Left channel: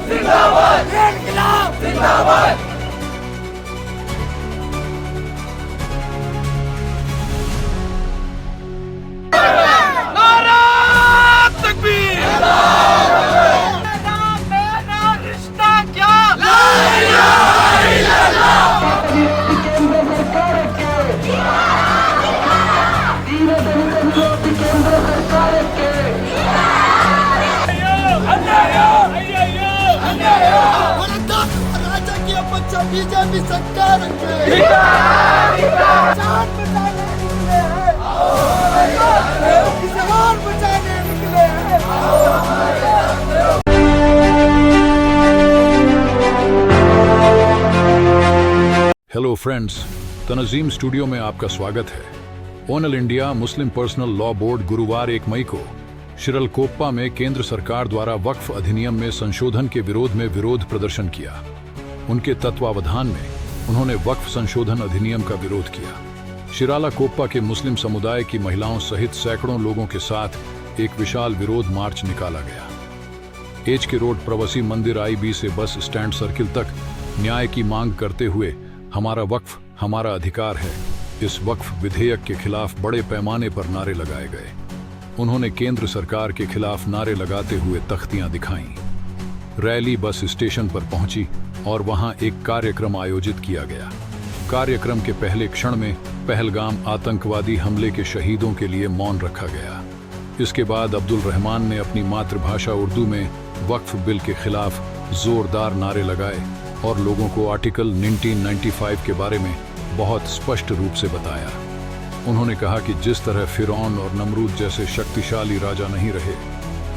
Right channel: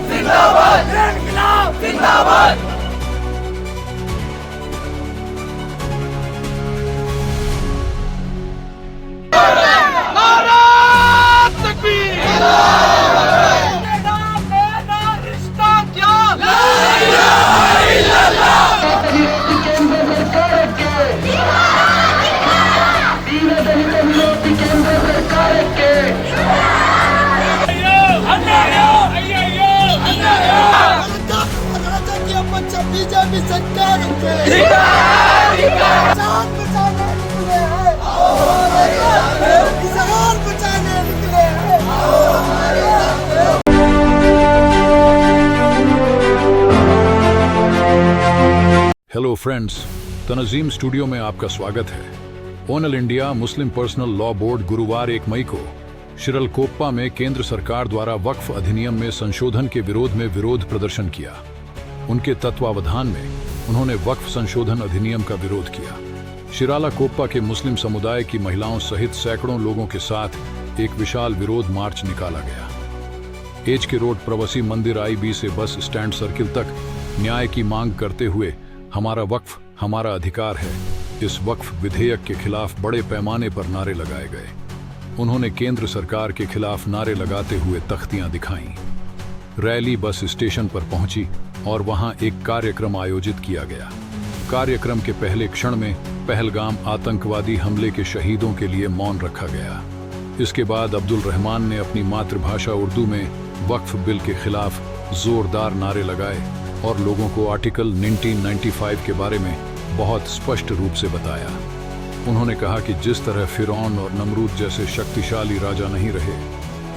जिंदाबाद इंकलाब जिंदाबाद। नारा तकबीर, मेरा रिश्ता क्या, ला इलाहा इल्लल्लाह। बीजेपी सरकार के किसान बचाने निकले हैं, किसान बचाने निकले हैं। हेलो फ्रेंड्स, तनज़ीम स्टूडियो में आपका स्वागत है। All India Muslim personal law board गुरुवार 1 मई को शिरलकोप्पा में केंद्र सरकार द्वारा वक्फ अधिनियम में संशोधन के विरोध में विरोध प्रदर्शन किया। उनके तत्वावधान में उन्होंने वक्फ संशोधन अधिनियम का विरोध किया। शिरालाकोप्पा के मुस्लिम समुदाय की महिलाओं सहित सैकड़ों लोगों के साथ एक विशाल विरोध मार्च निकाला गया। एच के रोड प्रवासी मंदिर IB से बस स्टैंड सर्किल तक न्याय की मांग करते हुए हमारा वक्फ हमारा अधिकार है, इस वक्फ विधेयक के खिलाफ बड़े पैमाने पर नारे लगाए गए। उन्होंने केंद्र सरकार के खिलाफ नारे लगाते हुए तख्तियां दिखाईं। रैली बस स्टेशन पर पहुंची और वहां एक कार्यक्रम आयोजित किया गया। कार्यक्रम के पहले क्षण में पहलगाम आतंकवादी हमले के शहीदों के लिए मौन रखा गया। इसके बाद अब्दुल रहमान ने अपनी मातृभाषा उर्दू में वक्फ बिल के खिलाफ जोरदार नारे लगाए और लोगों को आर्टिकल 1995 के बारे में बहुत स्पष्ट रूप से बताया। उन्होंने कहा कि जिस तरह फिरौन और नमरूद जैसे शक्तिशाली राजा नहीं रहे,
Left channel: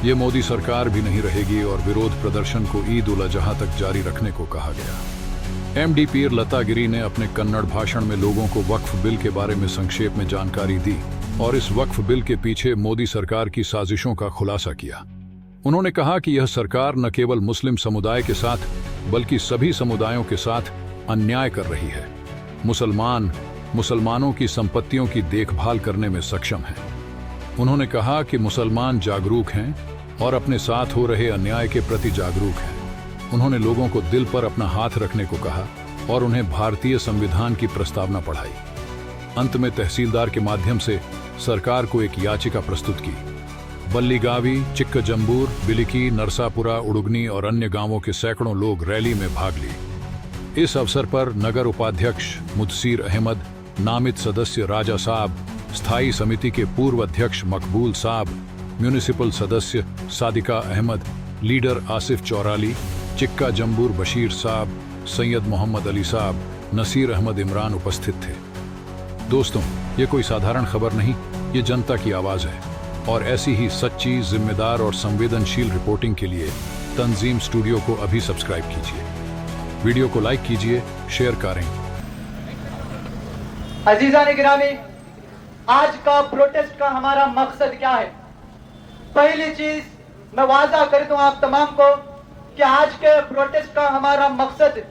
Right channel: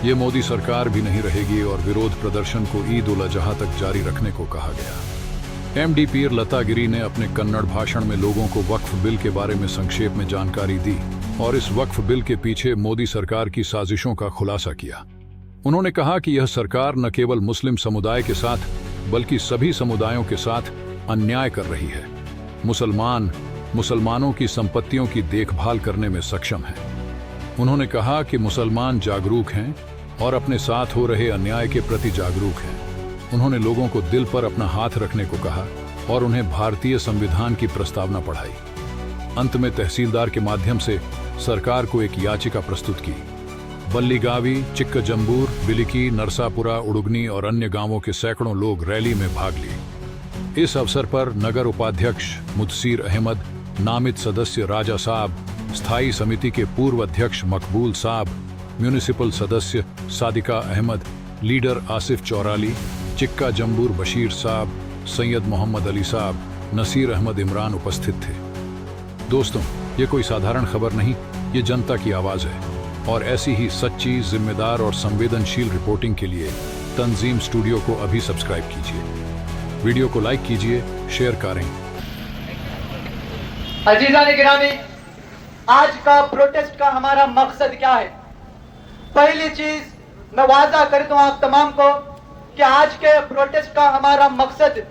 ये मोदी सरकार भी नहीं रहेगी, और विरोध प्रदर्शन को ईद उल अजहा तक जारी रखने को कहा गया। MD पीर लतागिरी ने अपने कन्नड़ भाषण में लोगों को वक्फ बिल के बारे में संक्षेप में जानकारी दी और इस वक्फ बिल के पीछे मोदी सरकार की साजिशों का खुलासा किया। उन्होंने कहा कि यह सरकार न केवल मुस्लिम समुदाय के साथ बल्कि सभी समुदायों के साथ अन्याय कर रही है। मुसलमानों की संपत्तियों की देखभाल करने में सक्षम है। उन्होंने कहा कि मुसलमान जागरूक हैं और अपने साथ हो रहे अन्याय के प्रति जागरूक हैं। उन्होंने लोगों को दिल पर अपना हाथ रखने को कहा और उन्हें भारतीय संविधान की प्रस्तावना पढ़ाई। अंत में तहसीलदार के माध्यम से सरकार को एक याचिका प्रस्तुत की। बल्लीगावी, चिक्कजंबूर, बिलिकी, नरसापुरा, उड़ुगनी और अन्य गांवों के सैकड़ों लोग रैली में भाग लिए। इस अवसर पर नगर उपाध्यक्ष मुदसीर अहमद, नामित सदस्य राजा साहब, स्थायी समिति के पूर्व अध्यक्ष मकबूल साहब, म्यूनिसिपल सदस्य सादिका अहमद, लीडर आसिफ चौराली, चिक्का जंबूर बशीर साहब, सैयद मोहम्मद अली साहब, नसीर अहमद इमरान उपस्थित थे। दोस्तों, ये कोई साधारण खबर नहीं, ये जनता की आवाज है, और ऐसी ही सच्ची, जिम्मेदार और संवेदनशील रिपोर्टिंग के लिए तंजीम स्टूडियो को अभी सब्सक्राइब कीजिए। वीडियो को लाइक कीजिए, शेयर करें। अजीज़ान गिरामी, आज का प्रोटेस्ट का हमारा मकसद क्या है? पहली चीज मैं वादा कर दूं आप तमाम को कि आज के प्रोटेस्ट का हमारा मकसद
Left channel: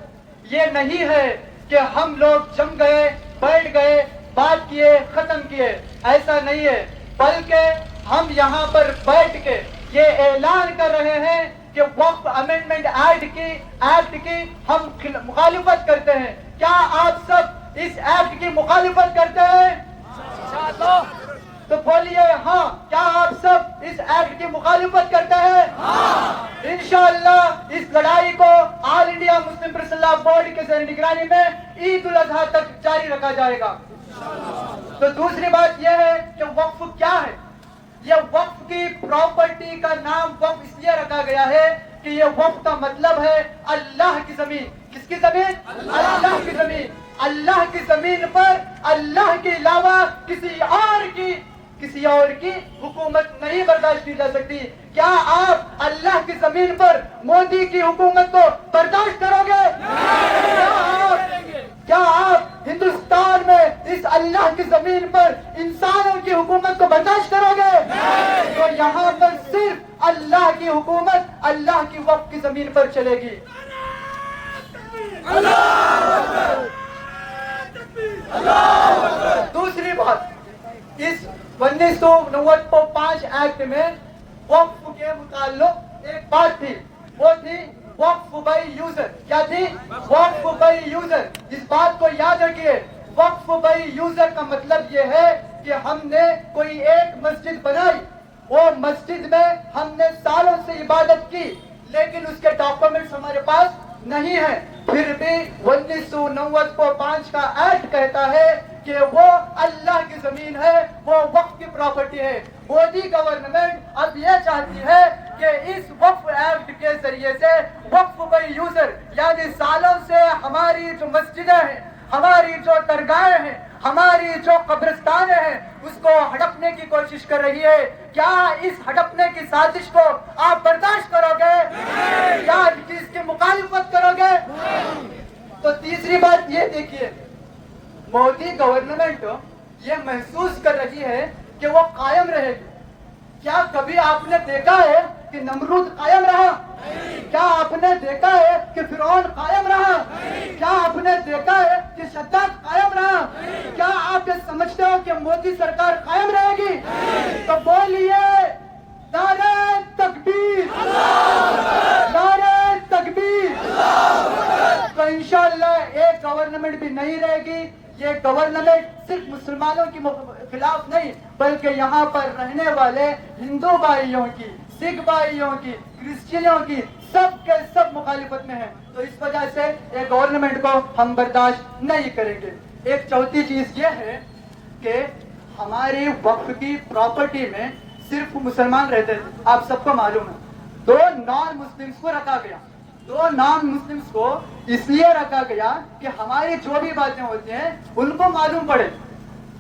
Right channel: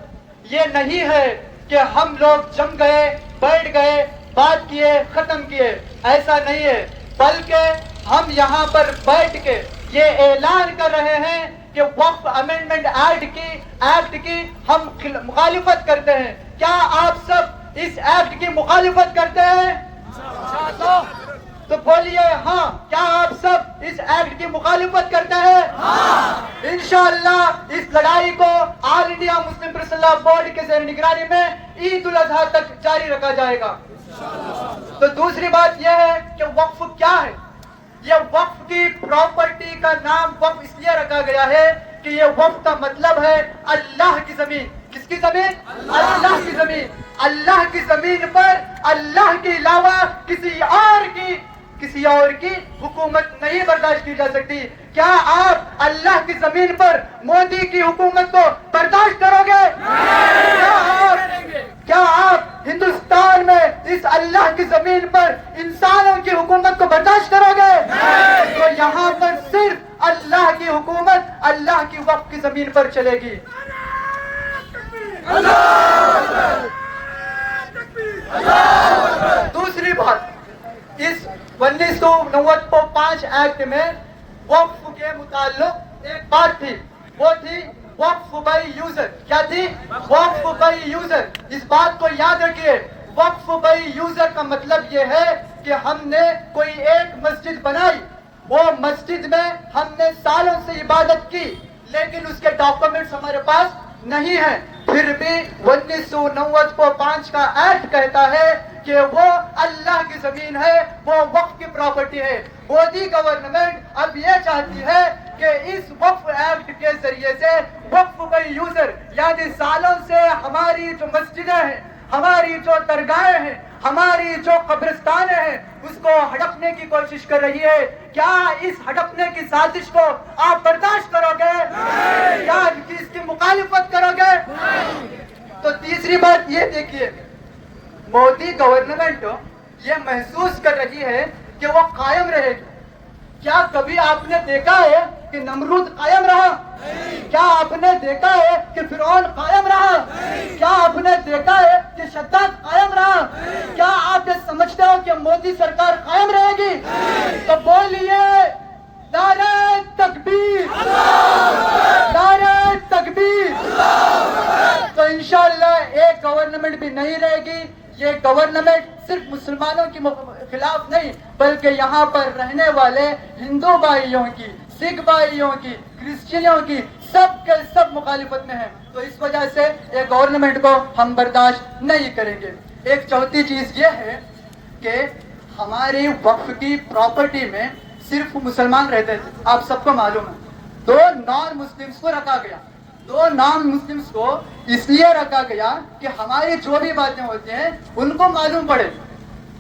ये नहीं है कि हम लोग जम गए, बैठ गए, बात किए, खत्म किए, ऐसा नहीं है, बल्कि हम यहाँ पर बैठ के ये ऐलान कर रहे हैं कि वक्फ अमेंडमेंट एक्ट की हम मुखालिफत करते हैं। क्या आप सब इस एक्ट की मुखालिफत करते हैं? तो बोलिए हाँ। क्या आप सब इस एक्ट की मुखालिफत करते हैं? हाँ। इंशाअल्लाह इस लड़ाई को all India Muslim personal law board के ज़ेर निगरानी में ईद उल अजहा तक जारी रखा जाएगा। तो दूसरी बात यह है कि वक्फ क्या है? यह वक्फ की प्रॉपर्टी का नाम वक्फ इसलिए रखा गया है कि यह वक्फ का मतलब है अल्लाह की जमीन। किसकी जमीन? अल्लाह की जमीन। अल्लाह की जमीन पर अल्लाह के अलावा किसी और की हुकूमत नहीं बर्दाश्त की जा सकती। क्या आप अल्लाह की जमीन पर मोदी की हुकूमत को बर्दाश्त करोगे? क्या आप हिंदुस्तान में इस अल्लाह की जमीन पर इंसानों की हुकूमत को बर्दाश्त करोगे? तो यहाँ पर सिर्फ अल्लाह की हुकूमत अल्लाह की वक्फ की जमीन पर चलेगी। दूसरी बात, इस 1995 एक्ट में वक्फ के मुताल्लिक एक बात थी, वो थी वक्फ बाई यूजर। क्या थी? वक्फ बाई यूजर। इस बात को याद रखिए, वक्फ बाई यूजर का मतलब ये है कि हमने कोई एक मस्जिद बनाई, वो मस्जिद में हमने सालों से इबादत की, लेकिन उसके डॉक्यूमेंट्स हमारे पास नहीं है। फिर भी 1990 को 5 का एक्ट कहता है कि वो अल्लाह की जमीन है, वो वक्फ की प्रॉपर्टी है। मोदी गवर्नमेंट अब ये चाहती है कि इस वक्फ एक्ट के जरिए से वक्फ बाई यूजर, यानी सालों से हमारी जो मस्जिदें हैं, हमारी जो दरगाहें हैं, हमारी जो कब्रिस्तान है, उसको हड़पने की कोशिश कर रही है। क्या इस हड़पने की साजिश को आप बर्दाश्त करोगे? क्या इसकी मुखालिफत करोगे? तो तीसरी बात ये देखिए, मोदी गवर्नमेंट ये महसूस कर रही है कि वो कायम रहेगी। क्या कभी आपने देखा है कि नमरूद कायम रहा? क्या आपने देखा है कि फिरौन कायम रहा? क्या आपने देखा है कि शद्दाद कायम रहा? क्या आप ये समझते हो कि मोदी सरकार कायम रहेगी? तो बोलिए नारे तकबीर, नारे तकबीर। तो इंशाअल्लाह एक गवर्नमेंट भी नहीं रहेगी। ये गवर्नमेंट सिर्फ मुसलमानों के खिलाफ नहीं, बल्कि यहाँ पर रहने वाले हिंदू भाइयों की, सिख भाइयों की, क्रिश्चियनों की, सब के सब मुखालिफत में है। तो इस वजह से ये गवर्नमेंट को हम बर्दाश्त नहीं करेंगे। एक चौथी चीज ये है कि हमारी वक्फ की प्रॉपर्टी में सिर्फ मुसलमान रहते थे, आप सबको मालूम है। 2 नॉन मुस्लिम्स को रखा गया। 2 नॉन मुस्लिम्स को इसलिए रखा गया कि हमारी जो भी बातें होती हैं उनको मालूम पड़े।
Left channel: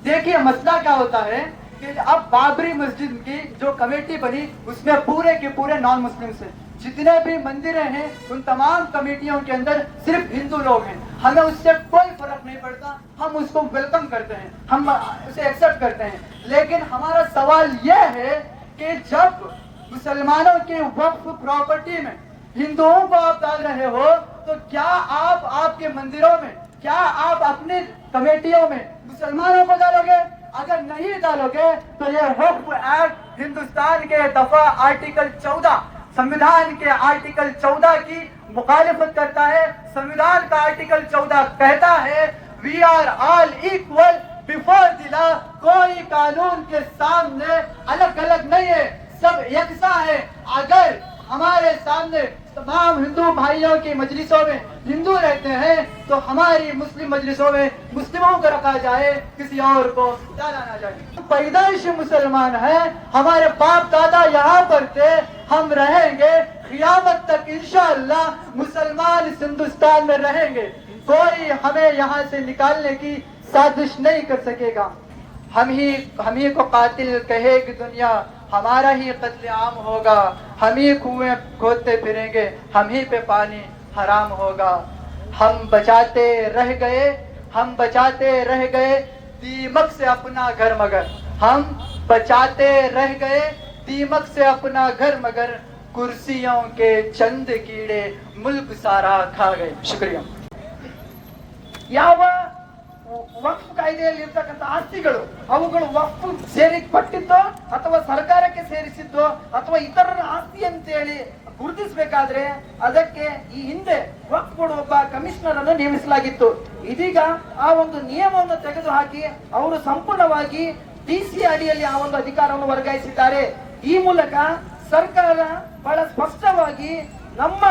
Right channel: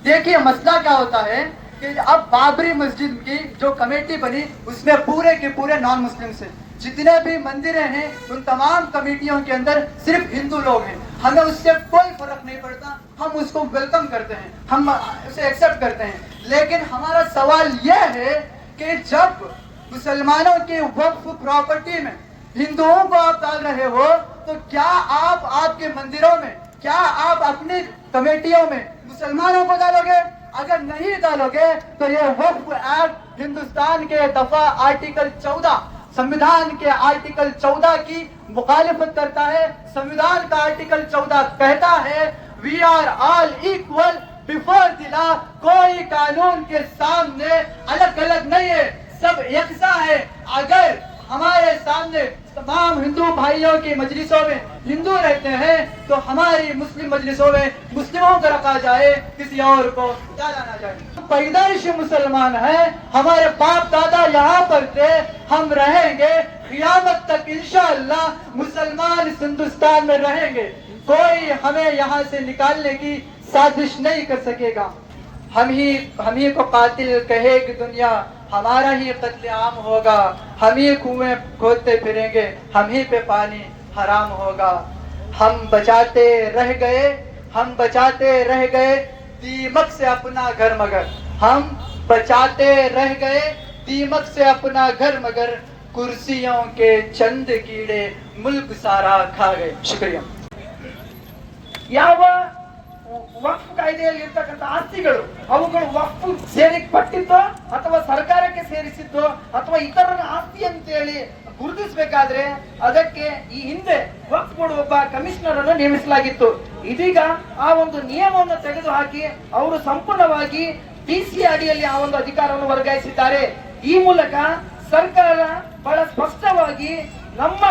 देखिए मसला क्या होता है कि अब बाबरी मस्जिद की जो कमेटी बनी, उसमें पूरे के पूरे नॉन मुस्लिम हैं। जितने भी मंदिरें हैं उन तमाम कमेटियों के अंदर सिर्फ हिंदू लोग हैं। हमें उससे कोई फर्क नहीं पड़ता, हम उसको वेलकम करते हैं, हम उसे एक्सेप्ट करते हैं। लेकिन हमारा सवाल यह है कि जब मुसलमानों की वक्फ प्रॉपर्टी में हिंदुओं को आप डाल रहे हो, तो क्या आप आपके मंदिरों में, क्या आप अपनी कमेटियों में मुसलमानों को डालोगे? अगर नहीं डालोगे तो ये वक्फ एक्ट हिंदुस्तान के दफा आर्टिकल 14, संविधान के आर्टिकल 14 की मुखालिफत करता है। संविधान का आर्टिकल 14 कहता है we are all equal before the law. कोई कानून के सामने अलग अलग नहीं है, सब यकसा है। अगर हमारे सामने तमाम हिंदू भाइयों की मजलिसों में हिंदू रहते हैं, तो हमारी मुस्लिम मजलिसों में मुस्लिमों को रखा जाए, किसी और को डाला ना जाए। पैदाइश मुसलमान है, हमारे बाप दादा यहाँ पर थे, हम रहेंगे क़यामत तक इंशाअल्लाह मुसलमान इस हिंदुस्तान में रहेंगे। कोई हमें यहाँ से निकालने की साजिश नहीं कर सकेगा। हम ही को कातिल कहेगी दुनिया, हमारा ही कत्ले आम होगा। हम ही कुएं खोदते फिरेंगे, हम ही पे पानी हराम होगा। हम बचाते रह गए, हम बचाते रह गए दीमक से अपना घर मगर। हम बचाते रह गए दीमक से अपना घर मगर, कुर्सियों के चंद कीड़े मुल्क सारा खा गए। शुक्रिया। ಯಾವ ವಕ್ಫ್ ಕಾಯ್ದೆಯಲ್ಲಿ ಇರ್ತಕ್ಕಂಥ ಆಸ್ತಿಗಳು ಅವುಗಳು ವಕ್ಫ್ ಸೇರಿಪಟ್ಟಿದ್ದೋ ಅಥವಾ ಸರ್ಕಾರಕ್ಕೆ ಸೇರಿಸಿದ್ದೋ ಅಥವಾ ಇತರರ ಆಸ್ತಿ ಅಂತೇಳಿ ಗುರುತಿಸಬೇಕಾದ್ರೆ ಅದಕ್ಕೆ ಈ ಹಿಂದೆ ವಕ್ಫ್ ಬೋರ್ಡ್ ಒಬ್ಬ ಕಮಿಷನರ್ ಅನ್ನು ನೇಮಿಸಲಾಗಿತ್ತು. ಇದೀಗ ಆ ಒಂದು ನಿಯಮವನ್ನು ತೆಗೆದುಹಾಕಿ ಅವರು ಸಂಪೂರ್ಣವಾಗಿ ಟಿಸಿ ಅಡಿಯಲ್ಲಿ ಆ ಒಂದು ಅಧಿಕಾರವನ್ನು ವರ್ಗಾಯಿಸಿದ್ದಾರೆ. ಈ ಮೂಲಕ ಸರ್ಕಾರ ಬಹಳ ಸ್ಪಷ್ಟವಾಗಿ ನಮ್ಮ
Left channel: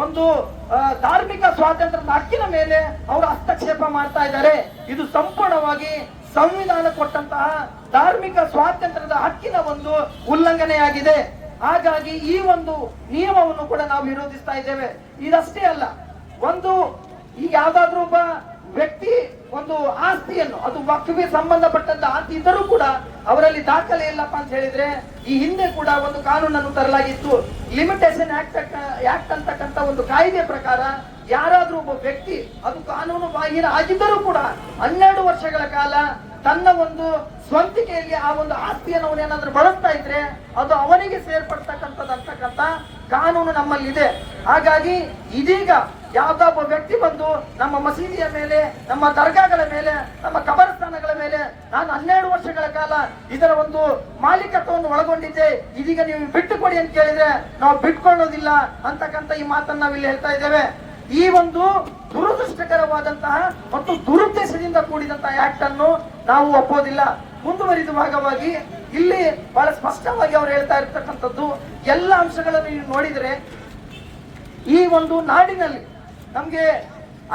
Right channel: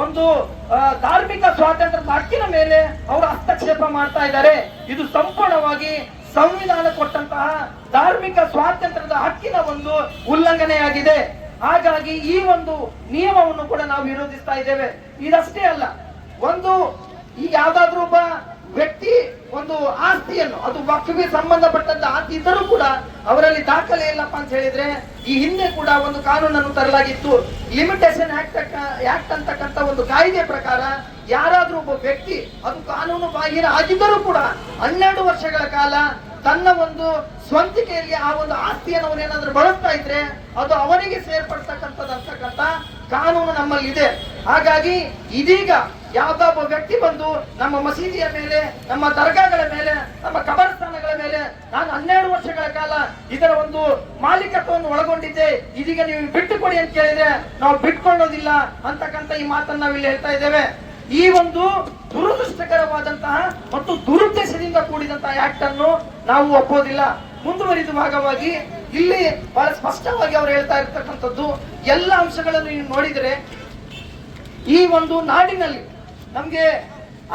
ಒಂದು ಧಾರ್ಮಿಕ ಸ್ವಾತಂತ್ರ್ಯದ ಹಕ್ಕಿನ ಮೇಲೆ ಅವರು ಹಸ್ತಕ್ಷೇಪ ಮಾಡ್ತಾ ಇದ್ದಾರೆ. ಇದು ಸಂಪೂರ್ಣವಾಗಿ ಸಂವಿಧಾನ ಕೊಟ್ಟಂತಹ ಧಾರ್ಮಿಕ ಸ್ವಾತಂತ್ರ್ಯದ ಹಕ್ಕಿನ ಒಂದು ಉಲ್ಲಂಘನೆಯಾಗಿದೆ. ಹಾಗಾಗಿ ಈ ಒಂದು ನಿಯಮವನ್ನು ಕೂಡ ನಾವು ವಿರೋಧಿಸ್ತಾ ಇದ್ದೇವೆ. ಇದಷ್ಟೇ ಅಲ್ಲ, ಒಂದು ಈಗ ಯಾವ್ದಾದ್ರು ಒಬ್ಬ ವ್ಯಕ್ತಿ ಒಂದು ಆಸ್ತಿಯನ್ನು, ಅದು ವಕ್ಫ್ಗೆ ಸಂಬಂಧಪಟ್ಟಂತ ಆಸ್ತಿ ಇದ್ದರೂ ಕೂಡ ಅವರಲ್ಲಿ ದಾಖಲೆ ಇಲ್ಲಪ್ಪ ಅಂತ ಹೇಳಿದ್ರೆ, ಈ ಹಿಂದೆ ಕೂಡ ಒಂದು ಕಾನೂನನ್ನು ತರಲಾಗಿತ್ತು. ಲಿಮಿಟೇಷನ್ ಆಕ್ಟ್ ಅಂತಕ್ಕಂಥ ಒಂದು ಕಾಯ್ದೆ ಪ್ರಕಾರ ಯಾರಾದ್ರೂ ಒಬ್ಬ ವ್ಯಕ್ತಿ ಅದು ಕಾನೂನು ಬಾಹಿರ ಆಗಿದ್ದರೂ ಕೂಡ 12 ವರ್ಷಗಳ ಕಾಲ ತನ್ನ ಒಂದು ಸ್ವಂತಿಕೆಯಲ್ಲಿ ಆ ಒಂದು ಆಸ್ತಿಯನ್ನು ಅವನೇನಾದ್ರೂ ಬಳಸ್ತಾ ಇದ್ರೆ ಅದು ಅವನಿಗೆ ಸೇರ್ಪಡ್ತಕ್ಕಂಥದ್ದು ಅಂತಕ್ಕಂಥ ಕಾನೂನು ನಮ್ಮಲ್ಲಿದೆ. ಹಾಗಾಗಿ ಇದೀಗ ಯಾವ್ದೋ ಒಬ್ಬ ವ್ಯಕ್ತಿ ಬಂದು ನಮ್ಮ ಮಸೀದಿಯ ಮೇಲೆ, ನಮ್ಮ ದರ್ಗಾಗಳ ಮೇಲೆ, ನಮ್ಮ ಕಬರಸ್ಥಾನಗಳ ಮೇಲೆ ನಾನು 12 ವರ್ಷಗಳ ಕಾಲ ಇದರ ಒಂದು ಮಾಲೀಕತ್ವವನ್ನು ಒಳಗೊಂಡಿದ್ದೆ, ಇದೀಗ ನೀವು ಬಿಟ್ಟುಕೊಡಿ ಅಂತ ಕೇಳಿದ್ರೆ ನಾವು ಬಿಟ್ಕೊಳ್ಳೋದಿಲ್ಲ ಅಂತಕ್ಕಂಥ ಈ ಮಾತನ್ನ ನಾವು ಇಲ್ಲಿ ಹೇಳ್ತಾ ಇದ್ದೇವೆ. ಈ ಒಂದು ದುರದೃಷ್ಟಕರವಾದಂತಹ ಮತ್ತು ದುರುದ್ದೇಶದಿಂದ ಕೂಡಿದಂತಹ ಆಕ್ಟ್ ಅನ್ನು ನಾವು ಒಪ್ಪೋದಿಲ್ಲ. ಮುಂದುವರಿದ ಭಾಗವಾಗಿ ಇಲ್ಲಿ ಬಹಳ ಸ್ಪಷ್ಟವಾಗಿ ಅವರು ಹೇಳ್ತಾ ಇರ್ತಕ್ಕಂಥದ್ದು ಎಲ್ಲ ಅಂಶಗಳನ್ನು ನೀವು ನೋಡಿದರೆ ಈ ಒಂದು ನಾಡಿನಲ್ಲಿ ನಮ್ಗೆ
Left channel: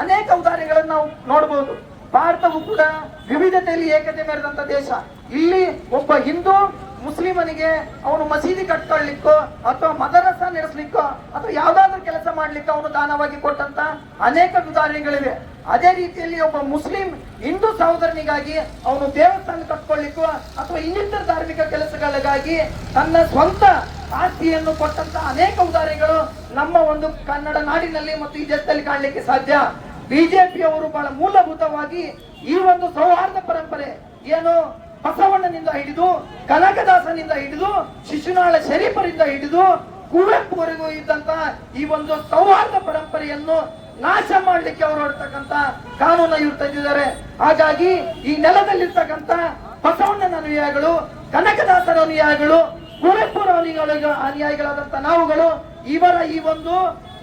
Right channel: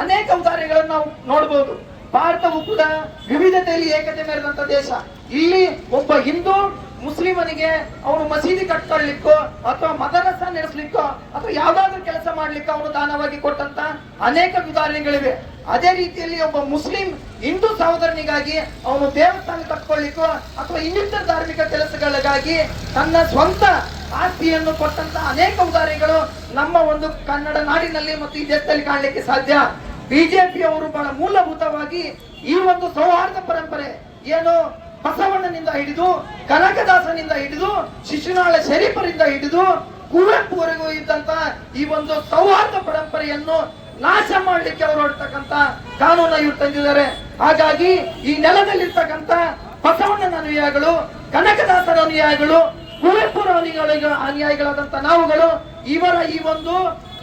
ಅನೇಕ ಉದಾಹರಣೆಗಳನ್ನು ನಾವು ನೋಡಬಹುದು. ಭಾರತವು ಕೂಡ ವಿವಿಧತೆಯಲ್ಲಿ ಏಕತೆ ಮೆರೆದಂತ ದೇಶ. ಇಲ್ಲಿ ಒಬ್ಬ ಹಿಂದೂ ಮುಸ್ಲಿಮನಿಗೆ ಅವನು ಮಸೀದಿ ಕಟ್ಕೊಳ್ಳಿಕ್ಕೋ ಅಥವಾ ಮದರಸ ನಡೆಸಲಿಕ್ಕೋ ಅಥವಾ ಯಾವ್ದಾದ್ರು ಕೆಲಸ ಮಾಡ್ಲಿಕ್ಕೋ ಅವನು ದಾನವಾಗಿ ಕೊಟ್ಟಂತ ಅನೇಕ ಉದಾಹರಣೆಗಳಿವೆ. ಅದೇ ರೀತಿಯಲ್ಲಿ ಒಬ್ಬ ಮುಸ್ಲಿಂ ಹಿಂದೂ ಸಹೋದರನಿಗಾಗಿ ಅವನು ದೇವಸ್ಥಾನ ಕಟ್ಕೊಳ್ಳಿಕ್ಕೋ ಅಥವಾ ಇನ್ನಿತರ ಧಾರ್ಮಿಕ ಕೆಲಸಗಳಿಗಾಗಿ ತನ್ನ ಸ್ವಂತ ಆಸ್ತಿಯನ್ನು ಕೊಟ್ಟಂತ ಅನೇಕ ಉದಾಹರಣೆಗಳು ನಮ್ಮ ಒಂದು ಕನ್ನಡ ನಾಡಿನಲ್ಲಿ ಮತ್ತು ಈ ದೇಶದಲ್ಲಿ ಕಾಣಲಿಕ್ಕೆ ಸಾಧ್ಯ. ಬಿಜೆಪಿ ಅವರು ಬಹಳ ಮೂಲಭೂತವಾಗಿ ಈ ಒಂದು ಸೌಹಾರ್ದ ಪರಂಪರೆ ಏನು ಬಸವಣ್ಣನಿಂದ ಹಿಡಿದು ಕನಕದಾಸನಿಂದ ಹಿಡಿದು ಶಿಶುನಾಳ ಶರೀಫರಿಂದ ಹಿಡಿದು ಕುವೆಂಪುವರೆಗೂ ಇದ್ದಂತ ಈ ಒಂದು ಸೌಹಾರ್ದ ಪರಂಪರೆಯನ್ನು ನಾಶ ಮಾಡಲಿಕ್ಕೆ ಅವರು ಹೊರಡ್ತಕ್ಕಂತ ಕಾನೂನು ಇವರು ತಂದಿದ್ದಾರೆ. ಹಾಗಾಗಿ ಈ ನೆಲದಲ್ಲಿರ್ತಕ್ಕಂಥ ಬಸವಣ್ಣನ ಅನುಯಾಯಿಗಳು, ಕನಕದಾಸರ ಅನುಯಾಯಿಗಳು, ಕುವೆಂಪುರ ಅನುಯಾಯಿಗಳಾದಂತ ನಾವುಗಳು ಇವರ ಈ ಒಂದು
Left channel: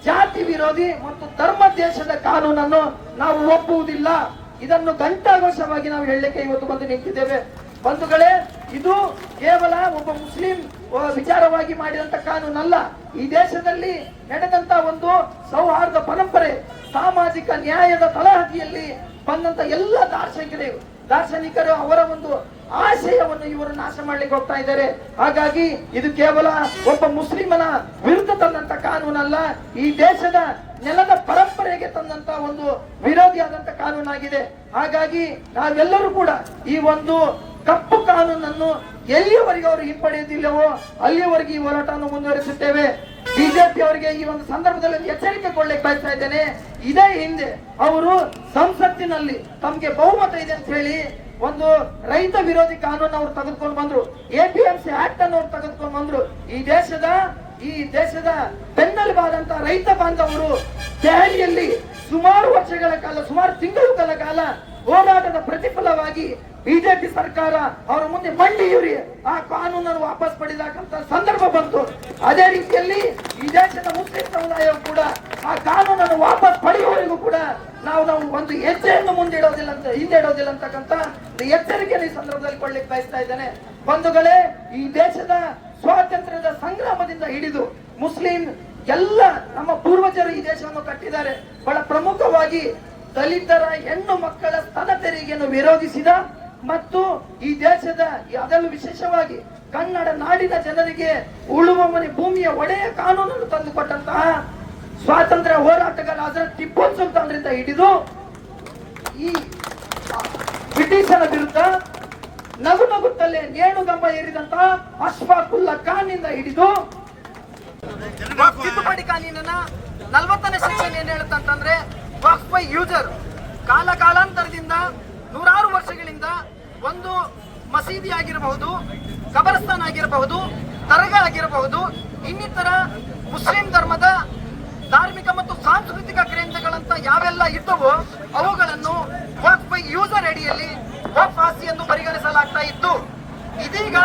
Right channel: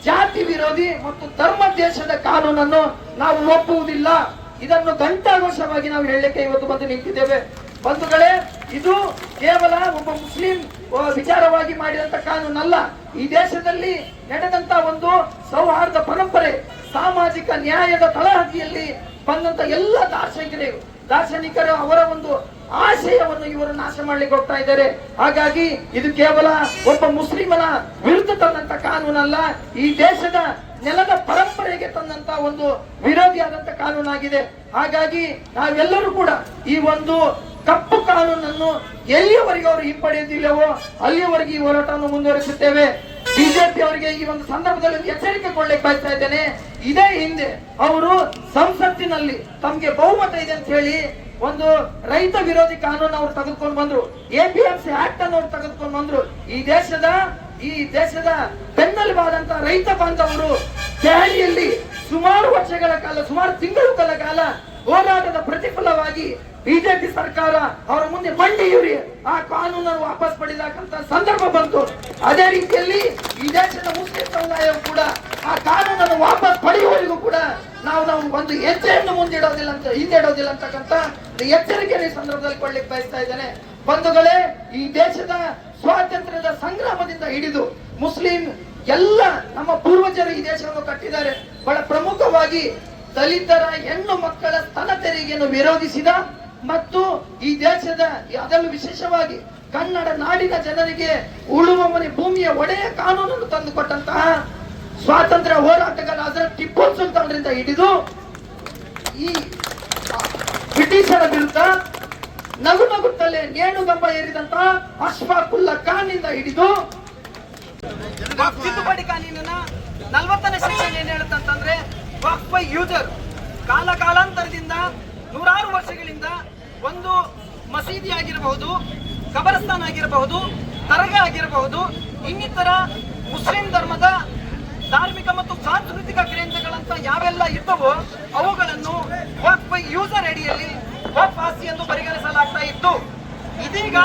ಜಾತಿ ವಿರೋಧಿ ಮತ್ತು ಧರ್ಮ ದೇಶದ ಕಾನೂನನ್ನು ನಾವು ಒಪ್ಪುವುದಿಲ್ಲ. ಇದನ್ನು ಘಂಟಾಘೋಷವಾಗಿ ನಾವು ಹೇಳಲಿಕ್ಕೆ ಇವತ್ತು ಬಂದು ನಿಂತಿದ್ದೇವೆ. ಬಂಧುಗಳೇ, ಇದು ಕೇವಲ ಒಬ್ಬ ಮುಸ್ಲಿಂ ವಿಚಾರವಾಗಿ ಮಾಡಿದಂತ ಕಾನೂನಲ್ಲ. ಈ ದೇಶದಲ್ಲಿ ನಡೆದಂತ ಒಂದು ಸೌಹಾರ್ದ ಪರಂಪರೆ, ಸಾಮಾಜಿಕ ನ್ಯಾಯದ ತಳಹದಿಯಲ್ಲಿ ಬಂದಂತ ಎಲ್ಲ ದಾರ್ಶನಿಕರು ಅವರ ಒಂದು ಆಶಯವನ್ನು ಇವರು ನಾಶ ಮಾಡ್ಲಿಕ್ಕೆ ಹೋಗ್ತಾ ಇದ್ದಾರೆ. ಹಾಗಾಗಿ ಇದು ಕೇವಲ ಒಬ್ಬ ಮುಸ್ಲಿಮನ ವಿರುದ್ಧ ತಂದಂತ ಕಾನೂನಲ್ಲ, ಈ ದೇಶದ ನೆಲದ ಪರಂಪರೆಗೆ ತಂದಂತ ಒಂದು ವಿರೋಧಿಯಾದಂತ ಕಾನೂನಾಗಿದೆ. ಹಾಗಾಗಿ ನಾವೆಲ್ಲರೂ ಕೂಡ ಈ ಒಂದು ಕಪ್ಪು ಕಾನೂನನ್ನು ಎಲ್ಲಿಯವರೆಗೆ ಅವರು ಹಿಂಪಡೆಯುವುದಿಲ್ಲವೋ ಅಲ್ಲಿಯವರೆಗೆ ಈ ಹೋರಾಟವನ್ನು ಮುಂದುವರಿಸುತ್ತೇವೆ. ಬಿಜೆಪಿ ಅವರಿಗೆ ಈ ಒಂದು ಸಂದರ್ಭದಲ್ಲಿ ಒಂದು ಎಚ್ಚರಿಕೆ ಕೊಡ್ಲಿಕ್ಕೆ ಬಯಸ್ತಾ ಇದ್ದೇನೆ. ಇದೇ ಹಿಂದೆ ಅವರು ಸಂಸತ್ತಿನಲ್ಲಿ ತಮ್ಗೆ ಬಹುಮತ ಇದೆ ಅಂತ ಹೇಳಿ ಒಂದು ರೈತ ವಿರೋಧಿ ಕಾನೂನು ಅವರು ತೆಗೆದುಕೊಂಡು ಬಂದ್ರು, APMC ಆಕ್ಟ್ ಅನ್ನು ಅವರು ತೆಗೆದುಕೊಂಡು ಬಂದ್ರು. ಈ ದೇಶದ ಬೆನ್ನೆಲುಬಾದಂತ ರೈತ ಬಾಂಧವರು ದೆಹಲಿಯಲ್ಲಿ ಸುಮಾರು ವರ್ಷಗಳ ಕಾಲ, ಸುಮಾರು ತಿಂಗಳುಗಳ ಕಾಲ ಹೋರಾಟದ ಪ್ರತಿಫಲವಾಗಿ ಬಿಜೆಪಿ ಸರ್ಕಾರ ಅವರ ಮುಂದೆ ಮಂಡಿಯೂರಿ ಆ ಕಾನೂನನ್ನು ವಾಪಸ್ ಪಡೆಯತಕ್ಕಂತ ಸಂದರ್ಭ ಬಂತು. ಅದೇ ರೀತಿಯಲ್ಲಿ ಈ ದೇಶದ ಮುಸ್ಲಿಂ ಸಮುದಾಯವು ಕೂಡ ಆ ಕಾನೂನನ್ನು ವಾಪಸ್ ಪಡೆಯುವವರೆಗೂ ಕೂಡ ನಾವು ಒಂದು ಹೆಜ್ಜೆಯನ್ನು ಹಿಂದಿಡೋದಿಲ್ಲ ಅಂತಕ್ಕಂಥ ಎಚ್ಚರಿಕೆಯನ್ನು ಈ ಸಂದರ್ಭದಲ್ಲಿ ಕೊಡ್ಲಿಕ್ಕೆ ಬಯಸ್ತಾ ಇದ್ದೇನೆ. ಬಂಧುಗಳೇ, ಈ ದೇಶದ ಸ್ವಾತಂತ್ರ್ಯದ ಸಂಗ್ರಾಮದಿಂದ ಹಿಡಿದು ಮುಸ್ಲಿಂ ಎಲ್ಲ ನಮ್ಮ ಪೂರ್ವಜರು ಈ ದೇಶವನ್ನು ಕಟ್ಟಿದ್ದಾರೆ. ಬಹಳ ಪ್ರಮುಖವಾಗಿ ದಲಿತರ ಹೆಣ್ಣು ಮಕ್ಕಳ ಸ್ತನ ತೆರಿಗೆಯನ್ನು ವಿರೋಧಿಸಿದ ಮತ್ತು ಈ ದೇಶದ ಅದರಲ್ಲೂ ವಿಶೇಷವಾಗಿ ಕನ್ನಡ ನಾಡಿನ ಜನರಿಗೆ ಉಳುವ ಮನೆ ಭೂಮಿಯ ಒಡೆಯ ಕಾನೂನನ್ನು ತಂದುಕೊಟ್ಟಂತಹ ಸ್ವಾತಂತ್ರ್ಯ ಹೋರಾಟಗಾರ ಟಿಪ್ಪು ಸುಲ್ತಾನರಿಂದ ಹಿಡಿದು ಈ ಬ್ರಿಟಿಷರ ವಿರುದ್ಧ ನಗುತ್ತಲೇ ನೇಣುಗಂಬ ಏರಿದಂತಹ ಅಶ್ಫಾಕುಲ್ಲಾ ಖಾನ್ ನಿಂದ ಹಿಡಿದು ತಿದ್ದುಪಡಿ ಕಾನೂನಿನ 40ನೇ ಸೆಕ್ಷನ್ ಏನ್ ಹೇಳುತ್ತಂತಂದ್ರೆ ವಕ್ಫ್ ಬೈ ಯೂಸರ್ ಕಾಲಾಂತರದಿಂದ ನೂರಾರು ವರ್ಷಗಳಿಂದ ಒಂದು ಮಸೀದಿ ಆಗಿರಬಹುದು, ಕಬರಸ್ಥಾನ ಆಗಿರಬಹುದು, ದರ್ಗಾ ಆಗಿರಬಹುದು, ಇನ್ನಿತರ ಮುಸ್ಲಿಂ ಧರ್ಮದ ಧಾರ್ಮಿಕ ಮತ್ತು ಸಾಂಸ್ಕೃತಿಕ ಕೇಂದ್ರಗಳಂತ ಯಾವೆಲ್ಲ ಇದ್ದವೋ ಅವುಗಳನ್ನು ವಕ್ಫ್ ಬೈ ಯೂಸರ್ ಅಡಿಯಲ್ಲಿ ವಕ್ಫ್ ಆಸ್ತಿ ಎಂದು ಪರಿಗಣಿಸಲಾಗ್ತಾ ಇತ್ತು. ಇದೀಗ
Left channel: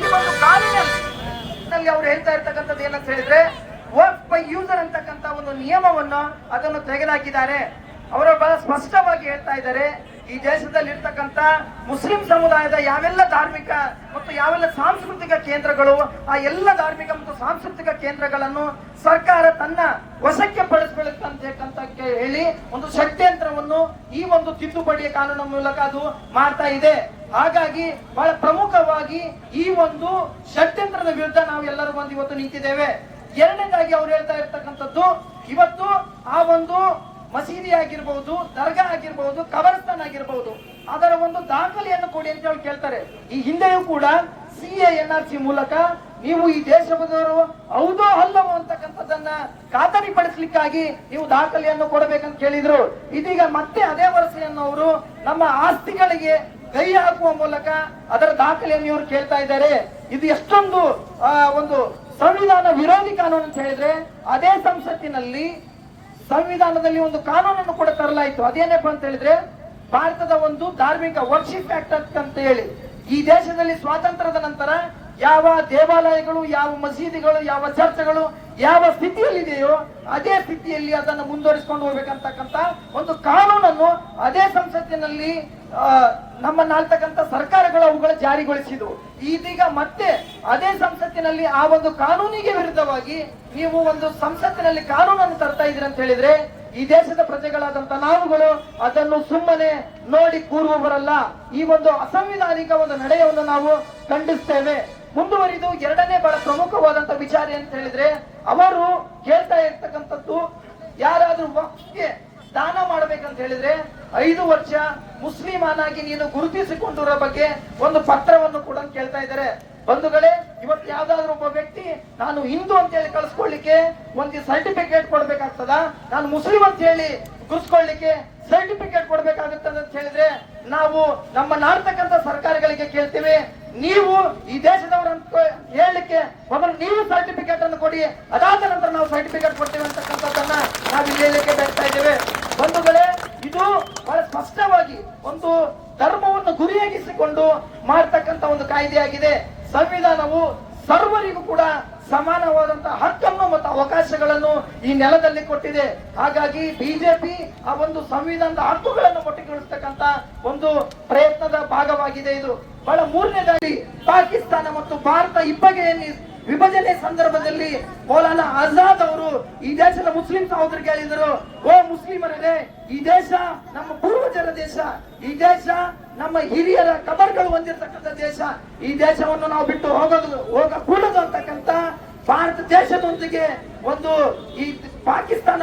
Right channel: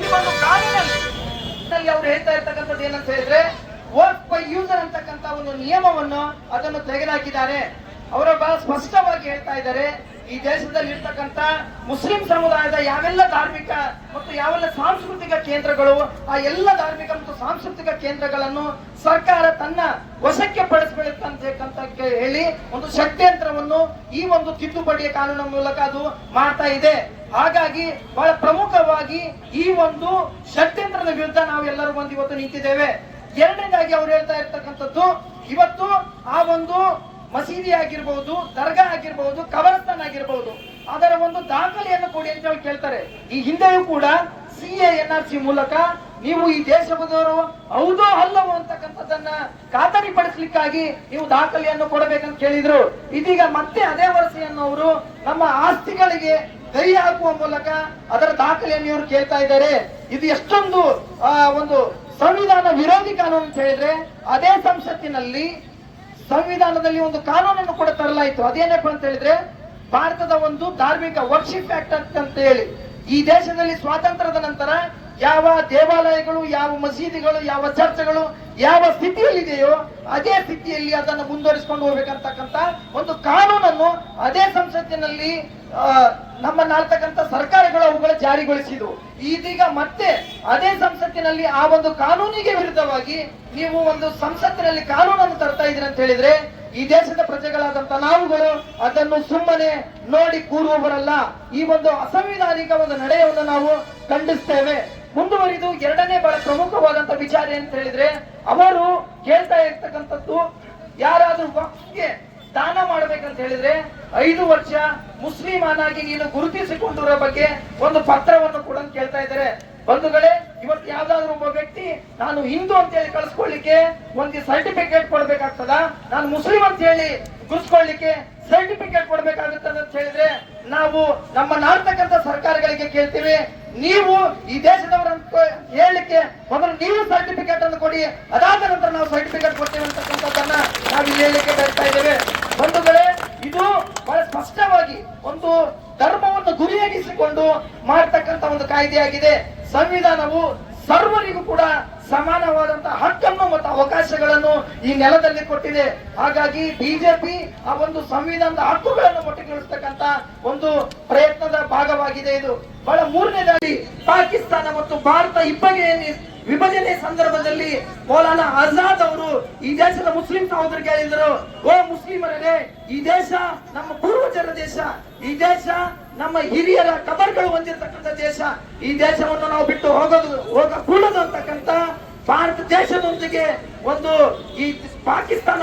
ಈ ಒಂದು ಕಾನೂನಲ್ಲಿ ಅವರು ಹೇಳ್ತಾ ಇರ್ತಕ್ಕಂಥದ್ದು ಏನಂತ ಹೇಳಿದ್ರೆ ವಕ್ಫ್ ಬೈ ಯೂಸರ್ ಅಂತಕ್ಕಂಥ ಒಂದು ನಿಯಮವನ್ನು ಅದನ್ನು ತೆಗೆದುಹಾಕಿದ್ದಾರೆ. ಅವರು ಬಹಳ ಸ್ಪಷ್ಟವಾಗಿ ಹೇಳ್ತಾ ಇದ್ದಾರೆ, ಈ ದೇಶದಲ್ಲಿ ಇರ್ತಕ್ಕಂಥ ಮುಸ್ಲಿಂ ಸಮುದಾಯದ ಯಾವೆಲ್ಲ ಧಾರ್ಮಿಕ ಮತ್ತು ಯಾವೆಲ್ಲ ಸಾಂಸ್ಕೃತಿಕ ಕೇಂದ್ರಗಳು ಆ ಎಲ್ಲ ಧಾರ್ಮಿಕ ಮತ್ತು ಸಾಂಸ್ಕೃತಿಕ ಕೇಂದ್ರಗಳನ್ನು ಸರ್ಕಾರ ತನ್ನ ವಶಕ್ಕೆ ಪಡಿಸಬೇಕಂತ ಹೇಳಿ ಒಂದು ಷಡ್ಯಂತ್ರವನ್ನು ಈ ಒಂದು ತಿದ್ದುಪಡಿಯ ಕಾನೂನಿನ ಮೂಲಕ ಅದು ಮಾಡ್ತಾ ಇದೆ. ಹಾಗಾಗಿ ಬಹಳ ಪ್ರಮುಖವಾಗಿ ಈ ಒಂದು ಷಡ್ಯಂತ್ರದ ವಿರುದ್ಧ ನಾವು ಎಲ್ಲರೂ ಬಂದು ಇವತ್ತು ನಿಂತಿದ್ದೇವೆ. ಎರಡನೇದಾಗಿ ಅವರು ಹೇಳ್ತಾ ಇರ್ತಕ್ಕಂಥದ್ದು, ಇವತ್ತು ಆ ಒಂದು ಮಸೀದಿ ಆಗಿರಬಹುದು, ದರ್ಗಾ ಆಗಿರಬಹುದು, ಕಬರಸ್ಥಾನ ಆಗಿರಬಹುದು, ಅದರ ಒಂದು ದಾಖಲೆಯನ್ನು ಕೊಡಿ ಅಂತ ಹೇಳಿ ಕೇಳ್ತಾರೆ. ಈ ಹಿಂದೆಯೂ ಕೂಡ CA/NRC ಮೂಲಕ ನೀವು ಈ ದೇಶದವರು ಹೌದೋ ಅಲ್ಲವೋ ಅಂತಕ್ಕಂಥದ್ದನ್ನ ಖಾತರಿಪಡಿಸಲಿಕ್ಕಾಗಿ ನೀವು ದಾಖಲೆಯನ್ನು ಕೊಡಬೇಕಂತ ಕೇಳಿದ್ರು. ಇದೀಗ ಮತ್ತೆ ಅದೇ ವರಸೆಯನ್ನು ಅವರು ನಮ್ಮ ಆಸ್ತಿಗಳಿಗೆ ಕೈ ಹಾಕುವ ಮೂಲಕ ಅದರ ದಾಖಲೆಯನ್ನು ಇವರು ಕೇಳ್ತಾ ಇದ್ದಾರೆ. ಇದು ಎಷ್ಟೊಂದು ಒಂದು ಸಂವಿಧಾನ ವಿರೋಧಿ ಕಾನೂನು ಅಂತ ಹೇಳಿದ್ರೆ ಅದೇ ಸಂಸತ್ತಿನಲ್ಲಿ ಸಂವಿಧಾನದಲ್ಲಿ ಒಂದು ಕಾನೂನನ್ನು ಕೂಡ ತರಲಾಯಿತು. ಅದೇನಪ್ಪ ಅಂತ ಹೇಳಿದ್ರೆ ಭಾರತದ ಒಂದು ಧಾರ್ಮಿಕ ವರ್ಷಿಪ್ ಆಕ್ಟ್ ಅಂತ ಹೇಳಿ, ಈ ದೇಶದಲ್ಲಿ ಸ್ವಾತಂತ್ರ್ಯದ ನಂತರ ಯಾವ ದೇವಾಲಯಗಳು, ಯಾವ ಮಸೀದಿಗಳು, ಯಾವ ಚರ್ಚ್ಗಳು ಯಾವ ಸ್ಥಿತಿಯಲ್ಲಿದೆಯೋ ಅದೇ ಸ್ಥಿತಿಯಲ್ಲಿ ಅದನ್ನು ಮುಂದುವರಿಸಿಕೊಂಡು ಹೋಗ್ಬೇಕಂತಕ್ಕಂತ ಒಂದು ಕಾನೂನನ್ನು ಅದೇ ಸಂಸತ್ತಿನಲ್ಲಿ ನಮ್ಮನ್ನಾಳ್ತಕ್ಕಂಥ ಸರ್ಕಾರಗಳು ಅವುಗಳ ಜಾರಿಗೊಳಿಸಿದವು. ಇದೀಗ ಮತ್ತೆ ಅದೇ ಸಂಸತ್ತಿನಲ್ಲಿ ಆ ಒಂದು ಕಾನೂನಿಗೆ ವಿರುದ್ಧವಾಗಿ ನೀವು ಒಂದು ಸಂಸತ್ತಿನಲ್ಲಿ ಕಾನೂನನ್ನು ತರ್ತಾ ಇದ್ದೀರಿ ಅಂತ ಹೇಳಿದ್ರೆ ಈ ದೇಶದ ಪ್ರಜೆಗಳಾದಂತ ನಾವುಗಳು ಅದನ್ನು ಸುಮ್ಮನೆ ನೋಡಿ ಕೂರುವವರಲ್ಲ. ಈ ಒಂದು ಅಸಂವಿಧಾನಿಕ ಒಂದು ನಡೆಯನ್ನು ನಾವು ಖಂಡಿಸ್ತೇವೆ. ಮುಂದುವರಿದು ಎರಡನೇ ಬಹಳ ಪ್ರಮುಖವಾದಂತ ವಿಚಾರ ಅಂತ ಹೇಳಿದ್ರೆ, ಅವರು ಹೇಳ್ತಾ ಇರ್ತಕ್ಕಂಥದ್ದು ಯಾರಾದ್ರೂ ವಕ್ಫ್ಗೆ ದಾನ ಮಾಡಬೇಕಂತ ಹೇಳಿದ್ರೆ 5 ವರ್ಷ ಮುಸ್ಲಿಮಾನಾಗಿ ನೀನು ಗುರುತಿಸಿಕೊಂಡಿರೋ ಬಗ್ಗೆ ಒಂದು ಪತ್ರವನ್ನು ಕೂಡ ಕೇಳ್ತಾ ಇದ್ದಾರೆ. ಬಂಧುಗಳೇ, ಇವತ್ತು ಯಾವ್ದಾದ್ರು ಒಬ್ಬ ವ್ಯಕ್ತಿ ನಾನು ಹಿಂದೂ ಅಂತ ಹೇಳಿ ಕಳಿಸ್ಕೊಳ್ಳಿಕ್ಕೆ ಒಂದು ಸರ್ಟಿಫಿಕೇಟ್ ಕೊಡ್ಬೇಕಾಗ್ತದ, ನಾನು ಮುಸ್ಲಿಂ ಅಂತ ಹೇಳಿ ಗುರುಸ್ಕೊಳ್ಳಿಕ್ಕೆ ಸರ್ಟಿಫಿಕೇಟ್ ಕೊಡ್ಬೇಕಾಗುತ್ತದೆ ಅಂತ ಹೇಳಿದ್ರೆ ನಾವು ನಮ್ಮ ನಾಡ್ತಕ್ಕಂಥ ಸರ್ಕಾರಗಳಿಗೆ ಕೇಳ್ತೀವಿ, ನೀವು ಈ ದೇಶದವರಂತ ಹೇಳಲಿಕ್ಕೆ ಮೊದಲು ನೀವು ಸರ್ಟಿಫಿಕೇಟ್ ಅನ್ನು ಕೊಡಿ, ಅದಾದ ನಂತರ ನಾವು ಸರ್ಟಿಫಿಕೇಟ್ ಕೊಡ್ತೇವೆ ಅಂತಕ್ಕಂಥದ್ದನ್ನ ನಾವು ಇಲ್ಲಿ ಹೇಳಲಿಕ್ಕೆ ಬರ್ತಾ ಇದ್ದೇವೆ. ಬಂಧುಗಳೇ, ಇದು ಬಹಳ ಸ್ಪಷ್ಟವಾಗಿ ಒಂದು ಧರ್ಮವನ್ನು ಗುರಿಯಾಗಿಸಿಕೊಂಡು ಮಾಡತಕ್ಕಂತ ಒಂದು ಕಾಯ್ದೆಯಾಗಿದೆ. ಸಂವಿಧಾನವು ಸರ್ವರಿಗೂ ಕೂಡ ಸಮಾನವಾದಂತಹ ಹಕ್ಕನ್ನು ಮತ್ತು ಅವಕಾಶಗಳನ್ನು ಈ ನೆಲದಲ್ಲಿ ಕೊಟ್ಟಿದೆ. ಹಾಗಾಗಿ ಬಿಜೆಪಿ ಆ ಒಂದು ಸಂವಿಧಾನದ ಹಕ್ಕುಗಳನ್ನು ಮೊಟಕುಗೊಳಿಸತಕ್ಕಂತ ಒಂದು ಪ್ರಯತ್ನದ ಭಾಗವಾಗಿದೆ. ಇದು ಬಹಳ ಮೂರನೇದಾಗಿ ಪಾಕಿಸ್ತಾನ ಮತ್ತು ಭಾರತ ವಿಭಜನೆ ಸಂದರ್ಭದಲ್ಲಿ ಮೌಲಾನಾ ಆಜಾದ್ ಅವರು ಈ ದೇಶದ ಮುಸ್ಲಿಂ ಸಹೋದರಿಗೆ ಹೇಳಿದರು, ಓ ಮುಸ್ಲಿಮರೇ, ಈ ದೇಶ ನಮ್ಮ ಪೂರ್ವಜರ ದೇಶ, ಈ ದೇಶ ನಮ್ಮ ಹಿರಿಯರ ಕಬರ್ಗಳು ಹೊಂದಿರತಕ್ಕಂಥ ದೇಶ, ಈ ದೇಶವನ್ನು ನಾವು ಬಿಟ್ಟು ಹೋಗಕೂಡದು ಅಂತಕ್ಕಂಥ ಭಾರತ ದೇಶದೊಂದಿಗೆ ಒಂದು ಈ ಪಾಕಿಸ್ತಾನ